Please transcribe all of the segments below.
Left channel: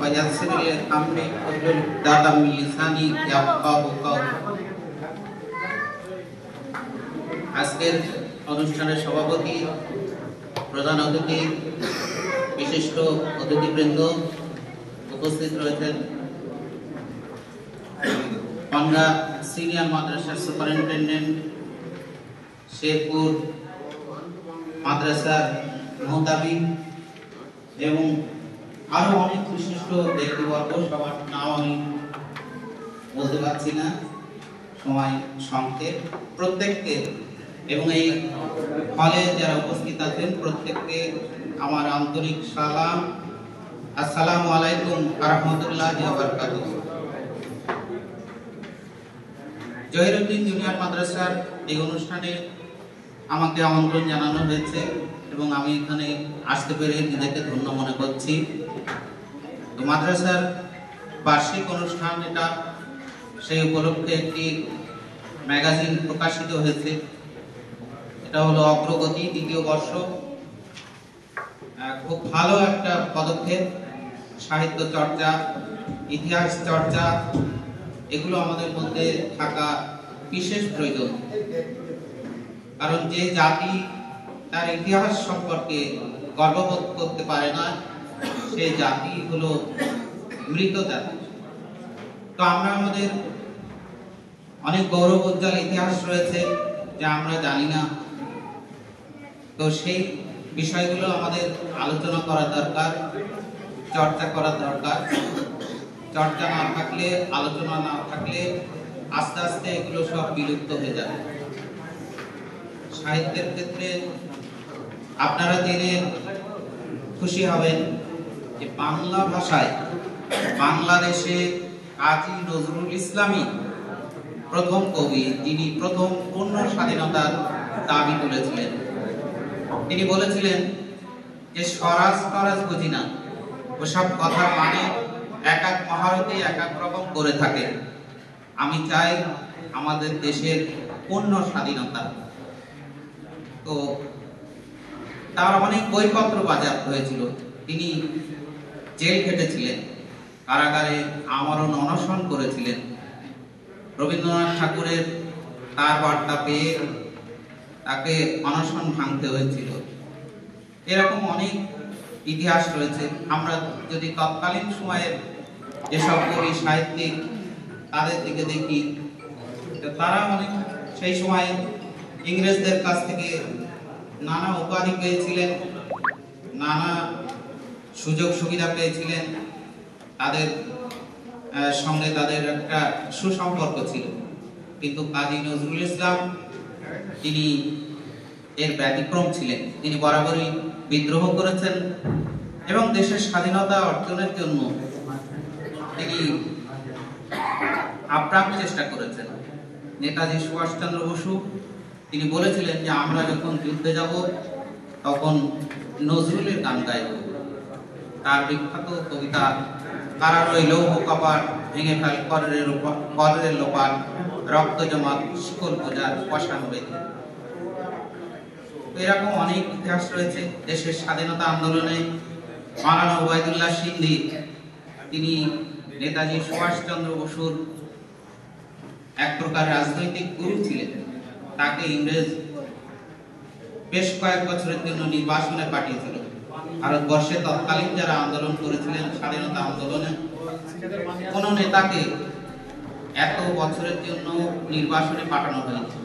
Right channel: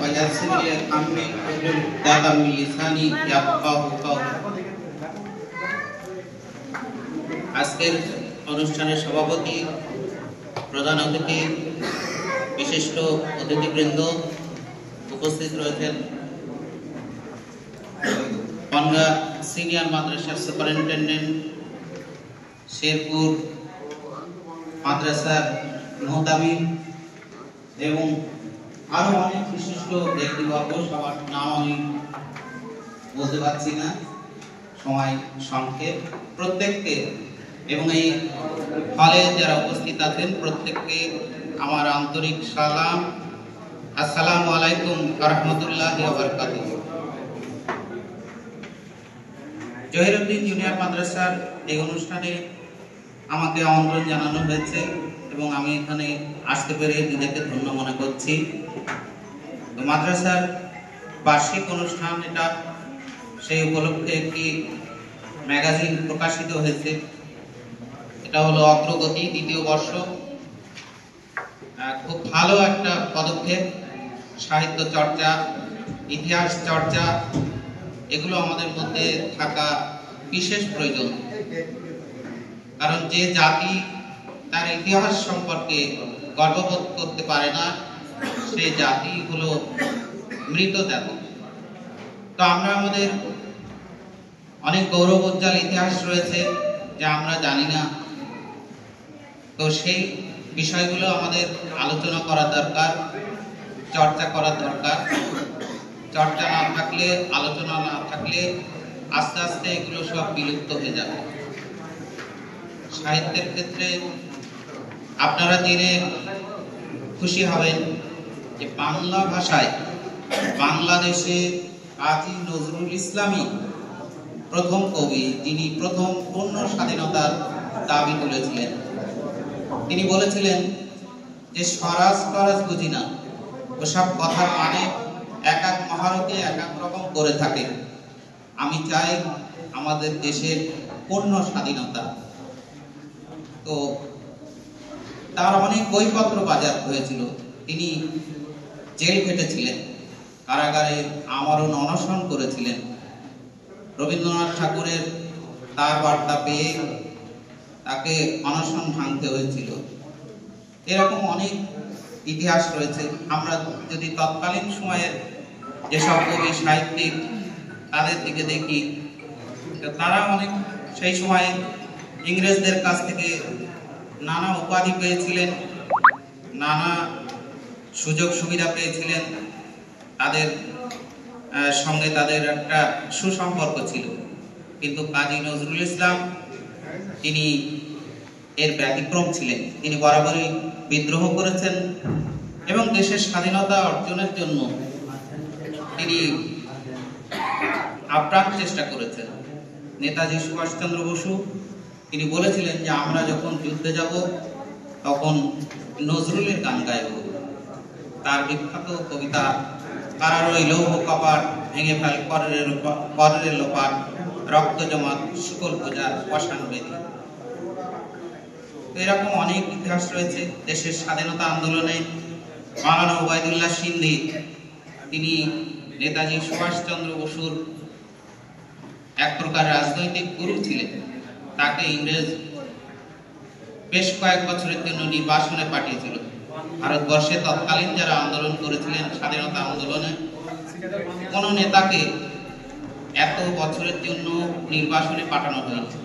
ويسر لي أمري واحلل عقدة من لساني يفقهوا قولي। আজকের অনুষ্ঠানের সভাপতি, প্রধান অতিথি, বিশিষ্ট অতিথিবৃন্দ উপস্থিত রয়েছেন, বনগাঁ সিনিয়র মাদ্রাসার সুপারিনটেন্ডেন্ট, শেরপুর মাদ্রাসার মোহতামিম এবং আরো অনেক বিশিষ্ট ব্যক্তিবর্গ, সবার নাম আমি বলতে পারছি না, সময় সংক্ষেপ। প্রত্যেককে এবং এই হলে যারা উপস্থিত আছেন প্রত্যেককে আমার আন্তরিক সালাম, আসসালামু আলাইকুম ওয়া রাহমাতুল্লাহি ওয়া বারাকাতুহু। জহিরউদ্দিন জুনিয়র মাদ্রাসার এই অনুষ্ঠানে আমাকে আমন্ত্রণ জানানো হয়েছে এবং আমি এখানে আসতে পেরে নিজেকে ধন্য মনে করছি। তো মাদ্রাসার বার্ষিক অনুষ্ঠান এটা, সেই উপলক্ষে একটি ম্যাগাজিন প্রকাশিত হয়েছে। এটা হলো অগ্রগতি, দ্বিতীয় বর্ষ। খুব ভালো একটা পদক্ষেপ। সাহিত্য চর্চা, ইতিহাস চর্চা এগুলো আমাদের মধ্যে থাকা বিশেষ প্রয়োজন, কারণ যে জাতি তার ইতিহাস সম্পর্কে গর্ববোধ করতে পারে না সেই জাতি হলো মৃত জাতি। তো আমরা আমাদের অনেক গৌরবোজ্জ্বল ইতিহাস রয়েছে যা আমরা জানি না, তো সেই বিষয়গুলো আমাদের আলোচনা করা দরকার, চর্চা করা দরকার। চর্চা না থাকলে, আলোচনা না থাকলে আস্তে আস্তে এগুলো সব বিলুপ্ত হয়ে যাবে। সাহিত্যের ক্ষেত্রে আপনারা জেনে খুশি হবেন যে বাংলা ভাষায় বাংলাদেশে কাজী নজরুল ইসলামই প্রথম কবি, যিনি প্রথম পূর্ণ স্বাধীনতার দাবি তুলেছিলেন। তিনি বলেছিলেন যে স্বরাজ টরাজ বুঝি না, ওসব কথার মানে এক এক মহারথী এক এক রকম করে থাকে। আমি চাই আমাদের দেশের পূর্ণ স্বাধীনতা। তো তার অনেক বইপত্র বাজেয়াপ্ত হয়েছিল, তিনি জেল খেটেছিলেন, কারাগারে আমরণ অনশন করেছিলেন। রবীন্দ্রনাথ ঠাকুরের তার বার্তা পেয়ে তাকে অনশন ভাঙতে হয়েছিল। এরকম অনেক ইতিহাস রয়েছে। আমরা যদি তৎকালীন সময়ের যেসব কবি সাহিত্যিক তাদের দিকে দেখি, তারা অনেক সেই সময় ইংরেজদের কাছ থেকে নানা উপাধি পেয়েছিলেন, নানা সুযোগ সুবিধা পেয়েছিলেন, তাদের সঙ্গে তাদের একটা সুসম্পর্ক ছিল। কিন্তু কাজী নজরুল ইসলাম তিনি এর ব্যতিক্রম ছিলেন। তিনি বরাবরই বিদ্রোহ করেছেন এবং দেশের স্বাধীনতা অর্জনের জন্য তিনি আপ্রাণ চেষ্টা করেছেন। নেতাজি সুভাষচন্দ্র বসু তিনি বলেছিলেন যে আমরা যখন যুদ্ধে যাব তখন নজরুলের গান গাইব। তার বিখ্যাত কবিতা কারার ওই লৌহ কপাট ভেঙে ফেল করের লোপাট, রক্ত জমাট শিকল বোঝার শ্মশান বেদি। এরকম অনেক ইতিহাস রয়েছে। দেশের স্বাধীনতা আন্দোলনে মাওলানা ওবায়দুল্লাহ সিন্ধি তিনি নেতাজি সুভাষচন্দ্র বসুর এক প্রকার রাজনৈতিক গুরু ছিলেন। তাকে ইংরেজ বেশ কয়েক বছরের জন্য নির্বাসনে পাঠিয়েছিল। ভারতবর্ষে তৎকালীন যারা আন্দোলন করেছিলেন স্বাধীনতা আন্দোলনে, কোন নেতাকে এত বছরের জন্য নির্বাসনে পাঠানো হয়েছে।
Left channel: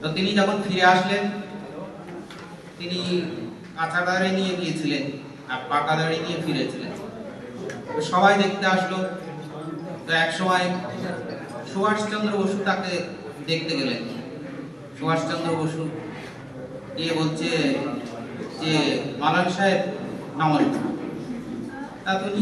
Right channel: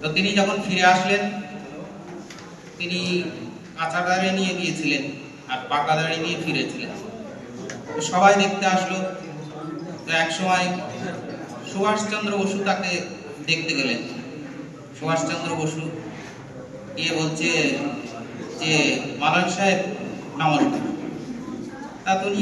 তো তিনি যখন ফিরে আসলেন, তিনি কাঁচা দাঁড়িয়ে নিয়ে গিয়েছিলেন আর পাকা দাঁড়িয়ে নিয়ে ফিরেছিলেন। তো সবাই দেখতে আসলো। তো এক সময় সুভাষচন্দ্র বসু তাকে দেখতে গেলেন। সুভাষচন্দ্র বসু গিয়ে বলছে যে মাওলানা সাহেব নমস্কার। তা তিনি